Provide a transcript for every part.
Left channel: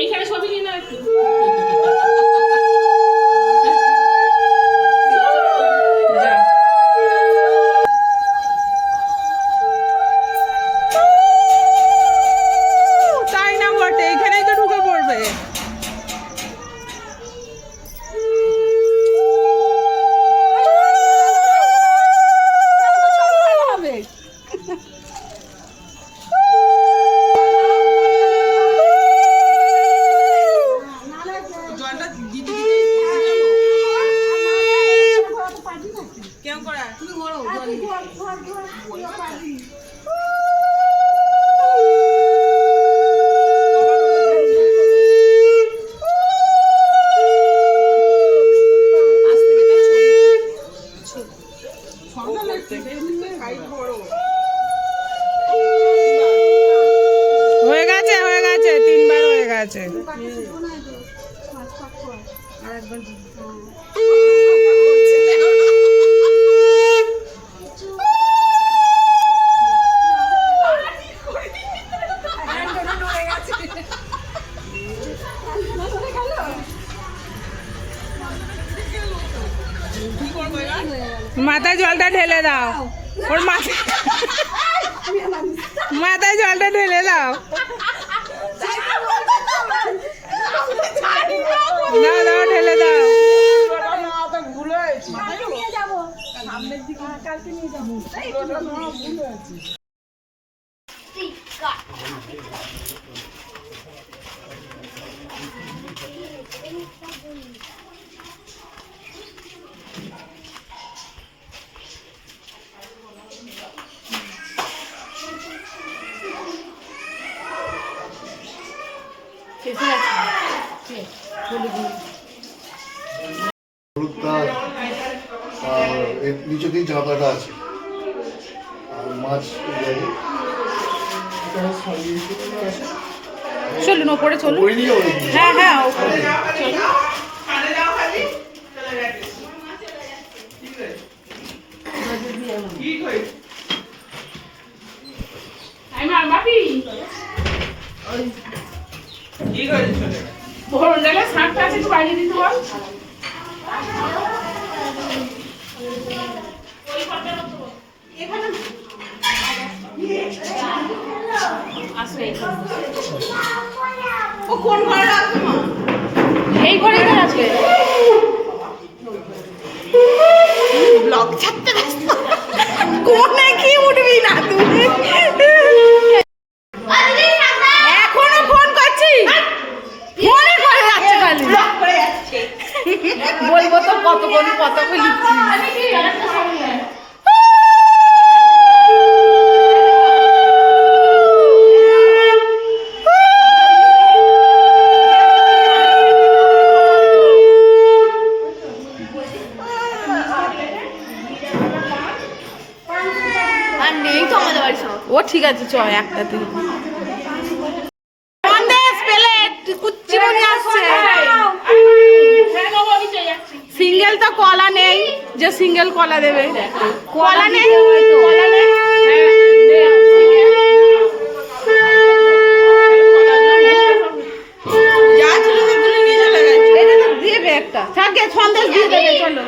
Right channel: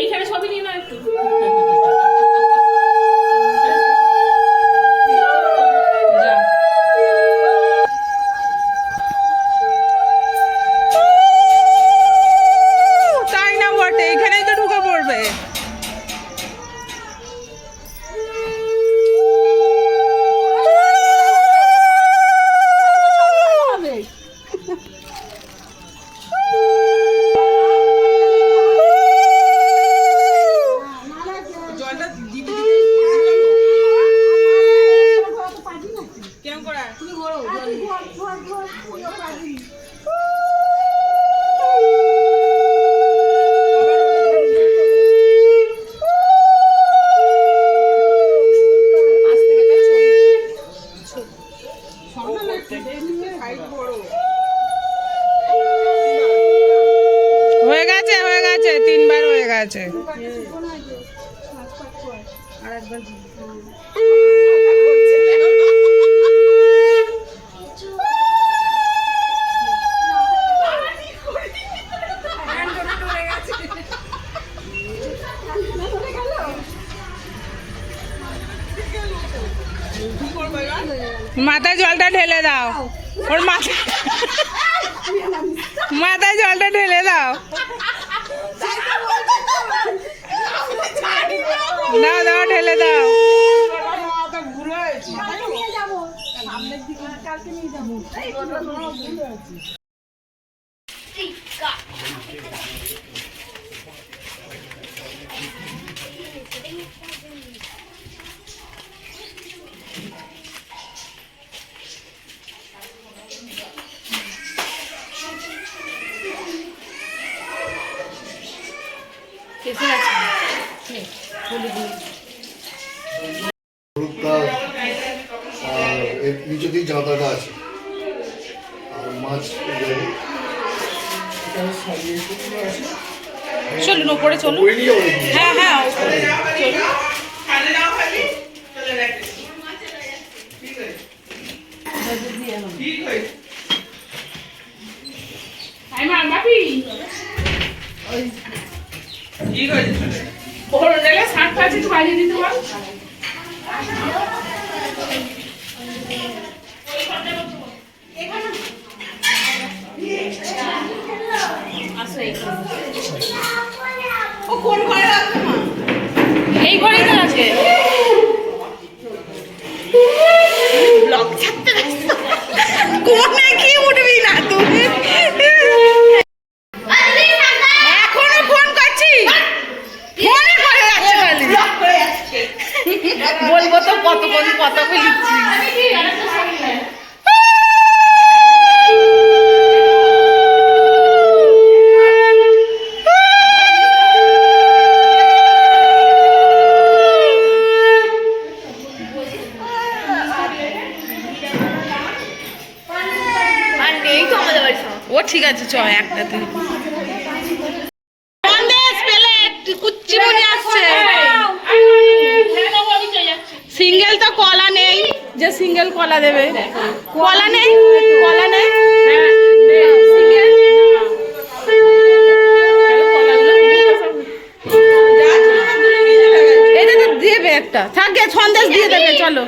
এইখানে ছবি নিয়ে না একটু তাই না বটে, এইখানেই তো ঢুকে পড়বে। হয়ে গেছে, হয়ে গেছে, 3 বার হয়ে গেছে। মাথায় জলটা ঢেলে দাও, ওর মাথায় জলটা ঢেলে দাও। দাও দাও, ঢেলে দাও। নিচে দিয়ে ঝাঁপাটা আছে আর মাছ চলুন ওপরে চলুন। হ্যাঁ হ্যাঁ, এই ঘরেই তো আছে। ব্লগ ছাড়তে কোনে কি উঠবি না তুমি, এখনো ফোন করছি, ফোনে করে যাচ্ছে, বলবো তো কতক্ষণ কথা বলিছি। ও ঠিক আছে, চ একটাতে সিঙ্গেল তো কলা নেই, যে সিঙ্গেল কলা দেবে, কলা নেই, কলা নেই। দেবে একটা থাকে, সন্দেশ দিয়ে দেবে। চলো,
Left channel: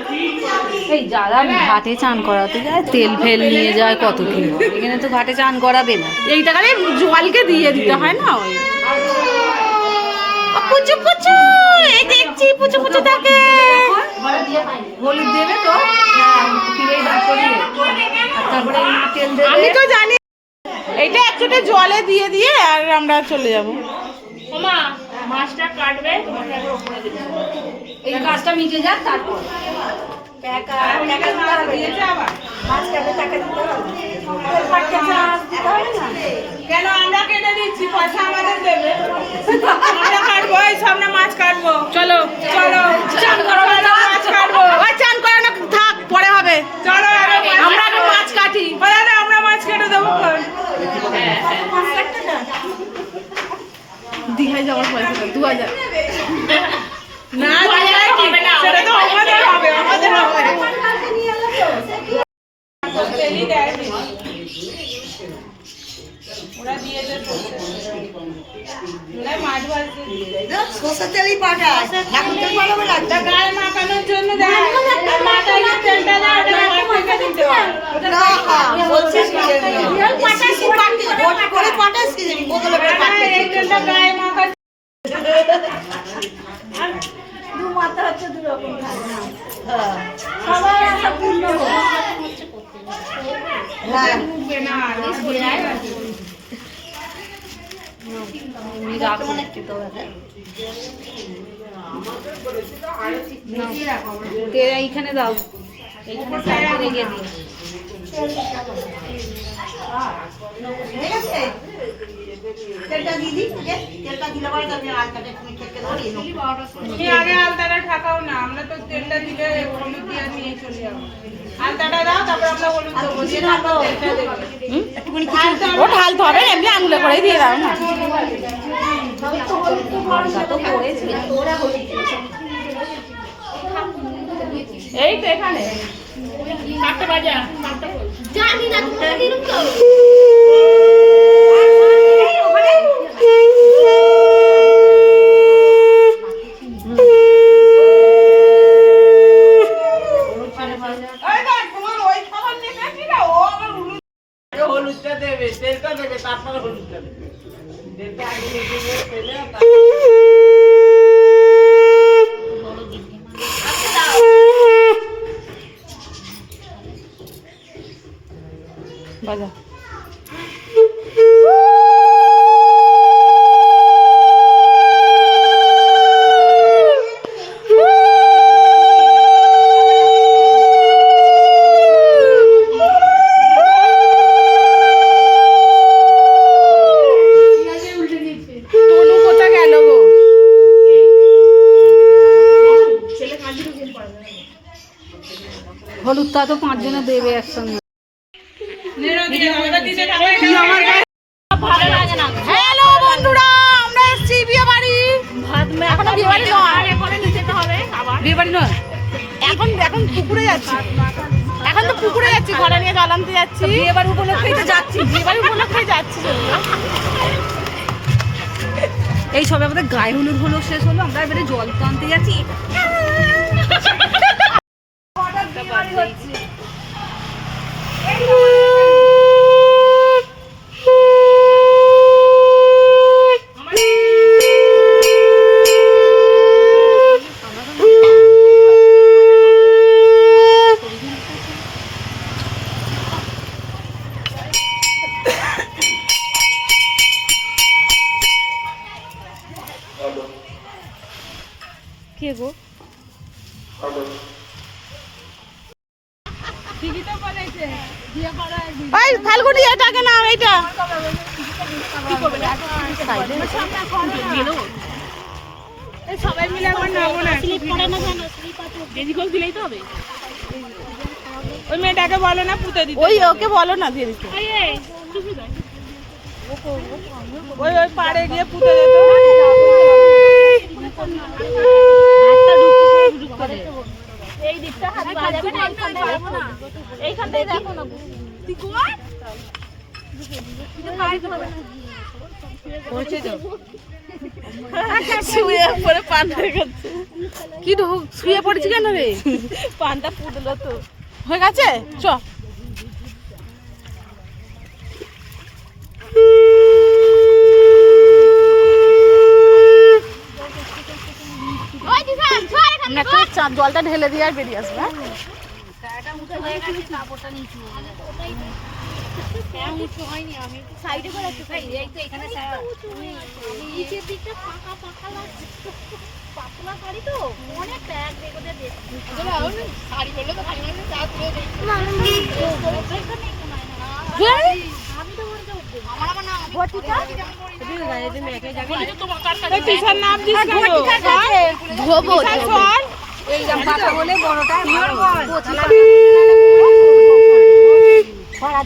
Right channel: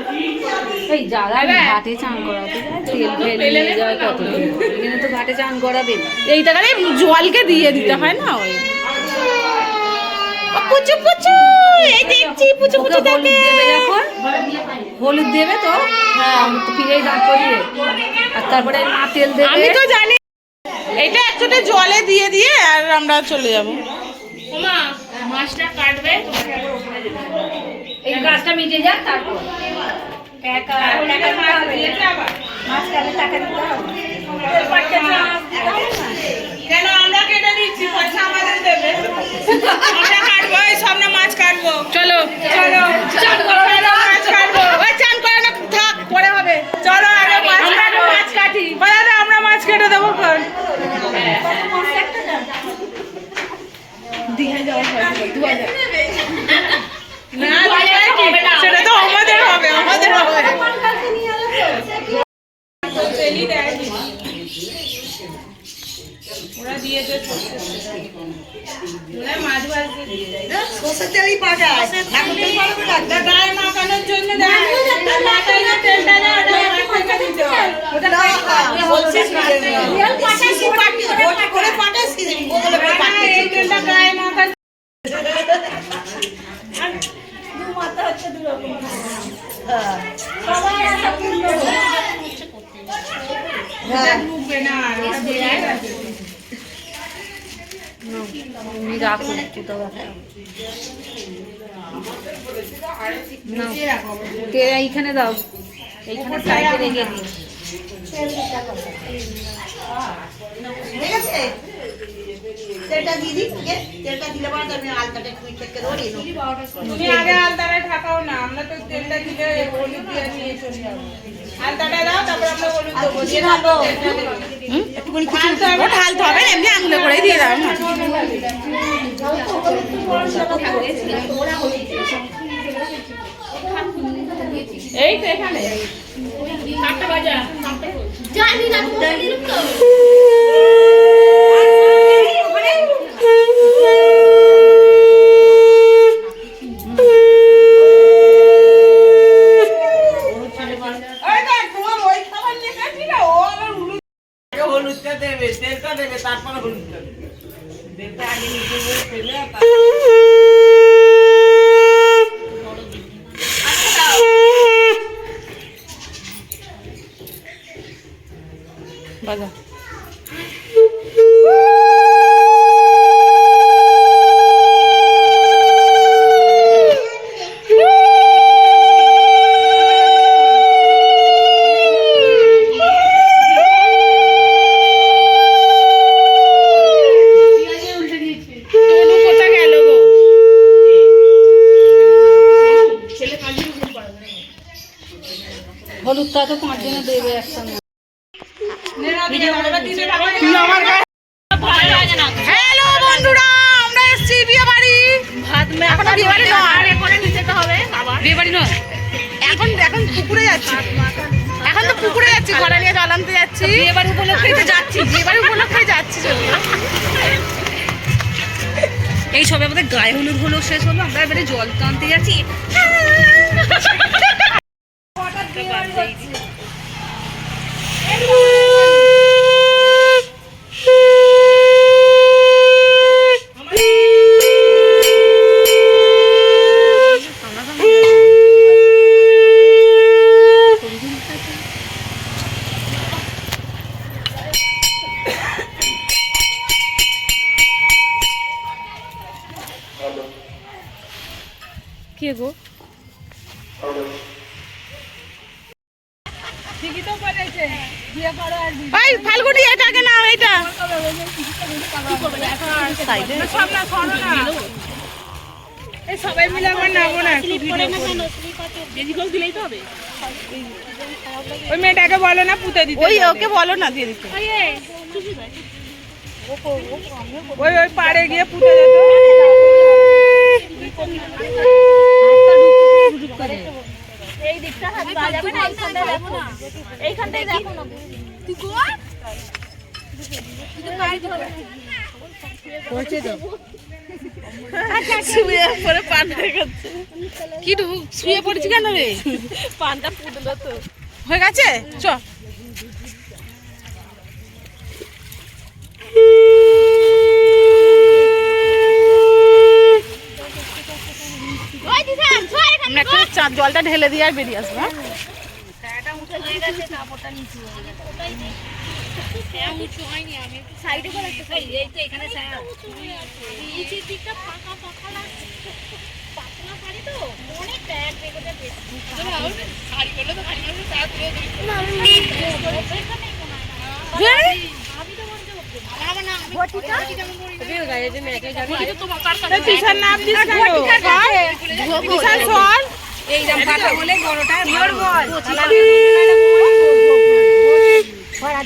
এই যারা ঘাটে চান করাতে যায় তেল ফেল নিয়ে যায় কত কি, এখানে তো ঘাটে চান করাবে না, এই টাকারে জলকে দিয়ে দিতে হয় না। ওই পুচু পুচু, এই দেখছি পুচু পুচু থাকে, হলুদ দেবে তো, হ্যাঁ ফিরে দাঁত করিয়ে, তারপরে তেল দেবে। আমি তো জানি এইটা একচোটে জলে দিয়ে দিয়ে আর আমরা চলে যাবো। ওমা মাছটা কাটবে, এই কাজটা মিটে যাক, তারপর কেন আমরা কেটে দিচ্ছি, পয়সা আমাদের দেবে, আমরা কাটবো, এই সব না মাছ কাটবো। চলো চলো, চান করাবে না, মাছ কাটবো, চান করানো থাক, পরে হবে। চলো আমরা তো মাছ কাটি, আমরা মাছ কেটে দেবো। দীঘায় যাওয়ার পয়সা 2000। না দিলে কি? সেটা তো আমাদের হবে, আমাদের হবে। তেলই দেয় নি। ওরা দিয়ে দেয় ওরা মাছ ভাজতে দিয়ে দেয়। সরষের তেলই পাঠায়, এখন তেল পাঠাবে না। তা গায়ে মাখানোর জন্য দেয়। আর মাথায় যে তেলটা দেয়, ওটা গায়ে থেকে দিতে হয়। ওটা না, বলছি সিসি পাঠি, ভোট করে পাঠায়, সিসি বদলে করে পাঠায়। এই তেলটা গায়ে মাখা হ্যাঁ, ঢুকবে না, ওটা বেড়ায় গেছে। তুমি রাখো একটু তো এইখানে দাও, এইখানে সাইডে রেখে দিই। ঠিক আছে? তেলটা দিয়ে দিই, ওকে? তেলটা দিলে পরে আমি আলতাটা একটু চেকে দেবো, নিয়ে নেবো। তুমি আগে আলতাটা ঠাকাও না, আমরা তো তেলটা দিলে হলুদ দিয়ে নিয়ে চলে যাবো। আলতাটা দাও, তারপর আমরা হলুদ আর দেবো। কিছু ঢালবো? তেলটা দেবো। একটুখানি কিছু ও ঢালতে হবে, এমনি আঙুলে করেই দিয়ে দাও না। এই তো এখানে কাটতে বাজা জানি না হলুদটা দেবে, তেলটা দেবে, তারপরে হলুদটা দেবে। তেলটা আগে নিচে দিয়ে ফেলে বাজা। তনু কোথায় গেল গো? হলুদটা তো 5 জনে দেবে একসঙ্গে। হ্যালো বন্ধুরা, আমরা এসেছি বিয়ে বাড়ি। এখনো বিয়ে বাড়ি নয়, বিয়ে বাড়ি নয়, এখন এখন পুকুরে যাচ্ছি। এখন তো পুকুরে যাচ্ছি, ঘরে নিয়ে জল আনতে যাচ্ছি। বিয়ে বাড়ি উপলক্ষে তো যাচ্ছি। বিয়ে বাড়ি উপলক্ষে যাচ্ছি যদিও। এই সবে আমাদের গায়ে হলুদ হলো, শেষ হলো, আমরা এবারে জল তো আনতে যাচ্ছি। কে গো? ওই ফাল্গুনি এটাকে না, এইটা এই সবাই মিলে একবার নামো না। ওই মেয়েটাকে বলো না পুঁতে দিতে। ওই ওকে বলো না দিয়ে দিতে। ওই ওই পাড়ে গিয়ে পুঁতে দিতে। এই দিকটা হাত বাড়াবে না, এইখানটা দেখো না, এইখানটাই দেখো না। তুই কোন? শুয়ে পড়ে পান হয়ে গেছে। কি শুয়ে পড়েছি কেন রে? পানটা ফুটলো তো। হয়ে গেছে, চ। আমরা একটা জলটা ঢেলে দিয়ে আর বেরিয়ে আসবো।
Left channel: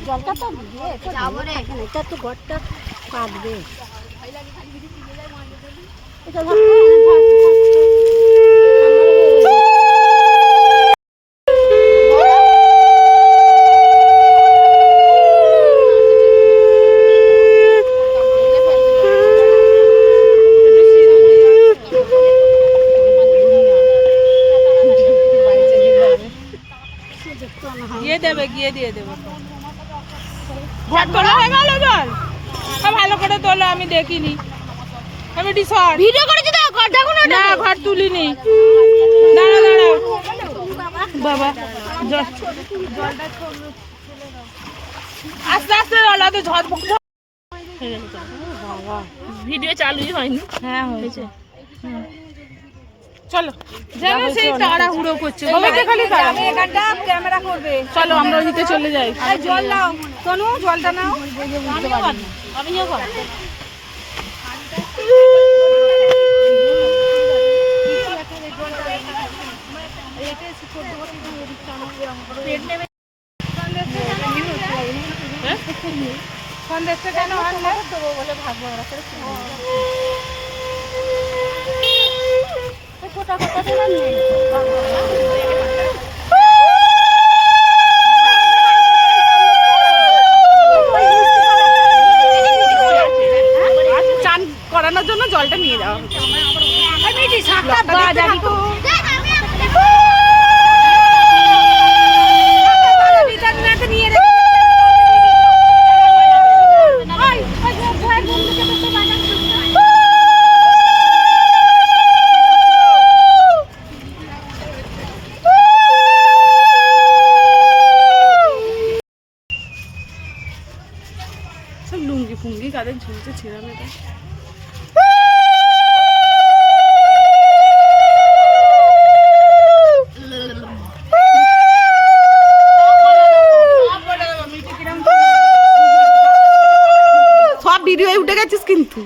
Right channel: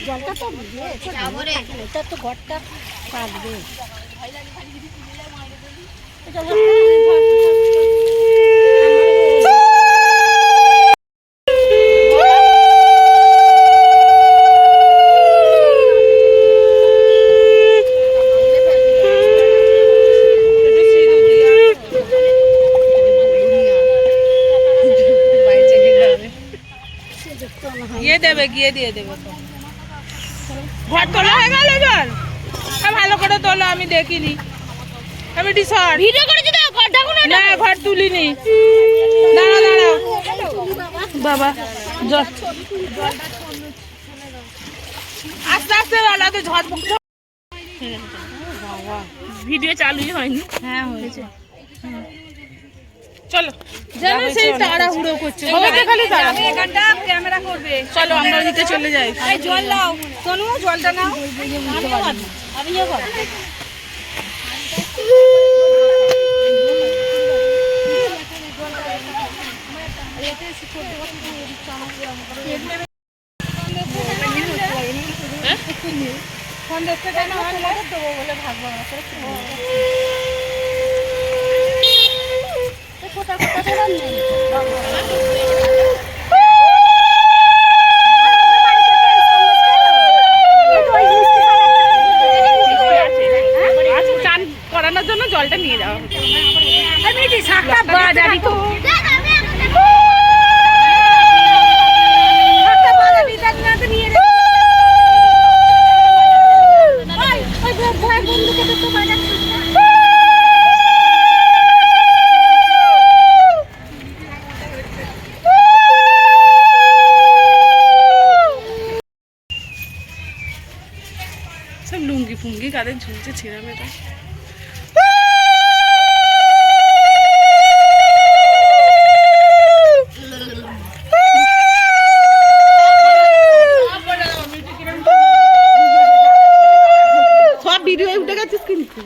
জলটা তো যাবো রে, এটা তো ঘরটা কাটবে। গিয়ে দিয়ে দেবো তো। ঘর তোলা হয়ে গেল জল? ভালো করে তোলো, আমি দেখিনি। আমি রিসর্ট ভিডিও করেছি তো, ঘর দেখো না। ঘর তুলিনি। দাঁড়াও দাঁড়াও বাবা, জল আস্তে আস্তে ওলাতে ঝড় পড়ছে। ভিডিও চালুই হয়নি। হ্যাঁ হয়েছে। চলো, জানো সেই তাড়াহুড়ো করছে, হবে তো খালি তাড়া। ক্যামেরা করবে, চলো আমরা ওদিকে চলে যাই। জল নাও, সোনু জলটা নাও। আমিও কর। চান করানোর জন্য জলটা নিয়ে যাওয়া সব লুঙ্গি ফুঙ্গি কাদের ঝুলছে ছিঁড়া মেয়েটা। সব ভিডিও উঠে গেছিস কিন্তু।